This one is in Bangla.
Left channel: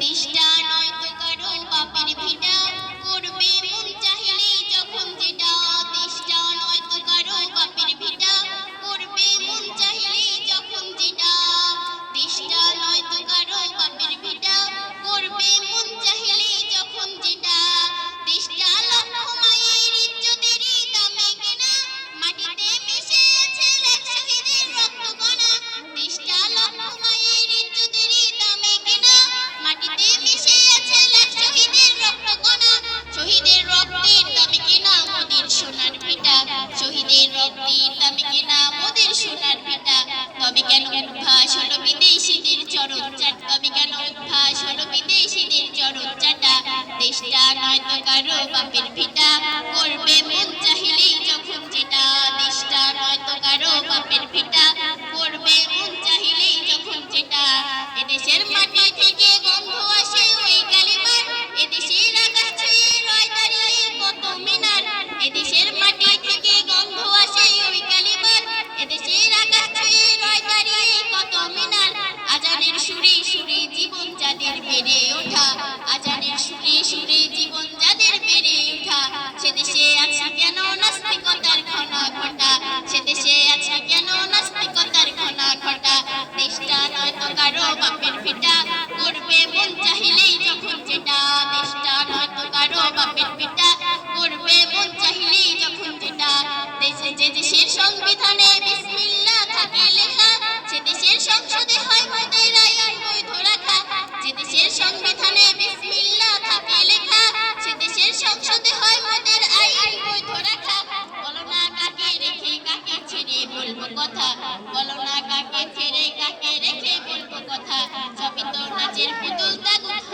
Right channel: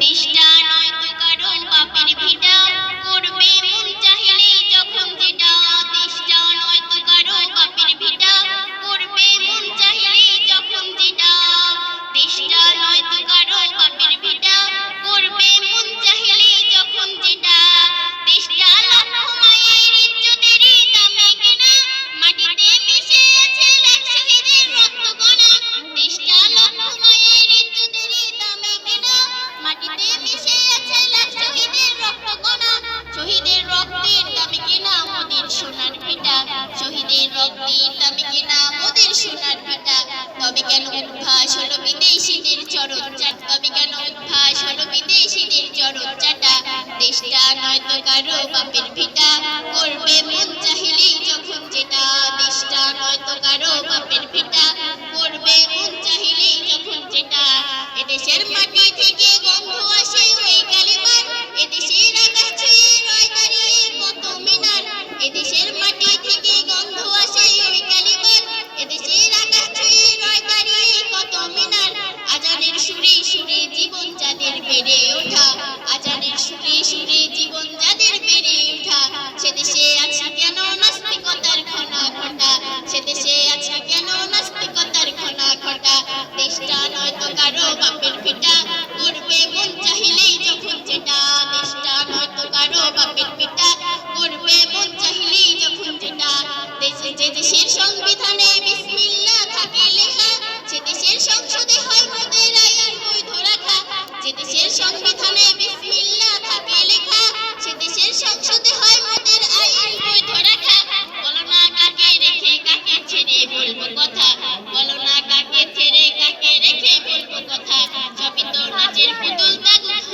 দেশটা নয়তো কারো বাপের ভিটা, করবে মন চাহিলেই যখন যেটা। দেশটা নয়তো কারো বাপের ভিটা, করবে মন চাহিলেই যখন যেটা। দেশটা নয়তো কারো বাপের ভিটা, করবে মন চাহিলেই যখন যেটা। দেশটা লক্ষ মায়ের ইজ্জতেরই দামে কেনা, মাটিতে মিশে আছে লাখ শহীদের রক্তকণা। দেশটা লক্ষ মায়ের ইজ্জতেরই দামে কেনা, মাটিতে মিশে আছে লাখ শহীদের রক্তকণা। শহীদের রক্তের দামে কেনা মোদের সোনার ভিটা, শহীদের রক্তের দামে কেনা মোদের সোনার ভিটা। তবে কেন উদ্ভাস হলো বিদেশিদের চরণ চাটা, তবে কেন উদ্ভাস হলো বিদেশিদের চরণ চাটা। দেশটা নয়তো কারো বাপের ভিটা, করবে মন চাহিলেই যখন যেটা। দেশটা নয়তো কারো বাপের ভিটা, করবে মন চাহিলেই যখন যেটা। এদেশের মাটি থেকে গন্ধ আসে ওই কালিমার, এদেশের আকাশ ছুঁয়ে রয় দাঁড়িয়ে কত মিনার। এদেশের মাটি থেকে গন্ধ আসে ওই কালিমার, এদেশের আকাশ ছুঁয়ে রয় দাঁড়িয়ে কত মিনার। আজানের সুরে সুরে জীবন যাদের বেড়ে ওঠা, আজানের সুরে সুরে জীবন যাদের বেড়ে ওঠা। সে দেশে আছে কেন নাস্তিকতার ঘনা ঘটা, সে দেশে আছে কেন নাস্তিকতার ঘনা ঘটা। দেশটা নয়তো কারো বাপের ভিটা, করবে মন চাহিলেই যখন যেটা। দেশটা নয়তো কারো বাপের ভিটা, করবে মন চাহিলেই যখন যেটা। দেশে যে দেশের সংবিধানে বিসমিল্লাহ থাকে লেখা, সে দেশের সংসদে হয় মোদের আইন বৈধ রাখা। যে দেশের সংবিধানে বিসমিল্লাহ থাকে লেখা, সে দেশের সংসদে হয় মোদের আইন বৈধ রাখা। বলো না কাকে রেখে কাকে ছেড়ে বলবো কথা, বলো না কাকে ছেড়ে কাকে রেখে বলবো কথা। সবই তো নাচের পুতুল তাগুক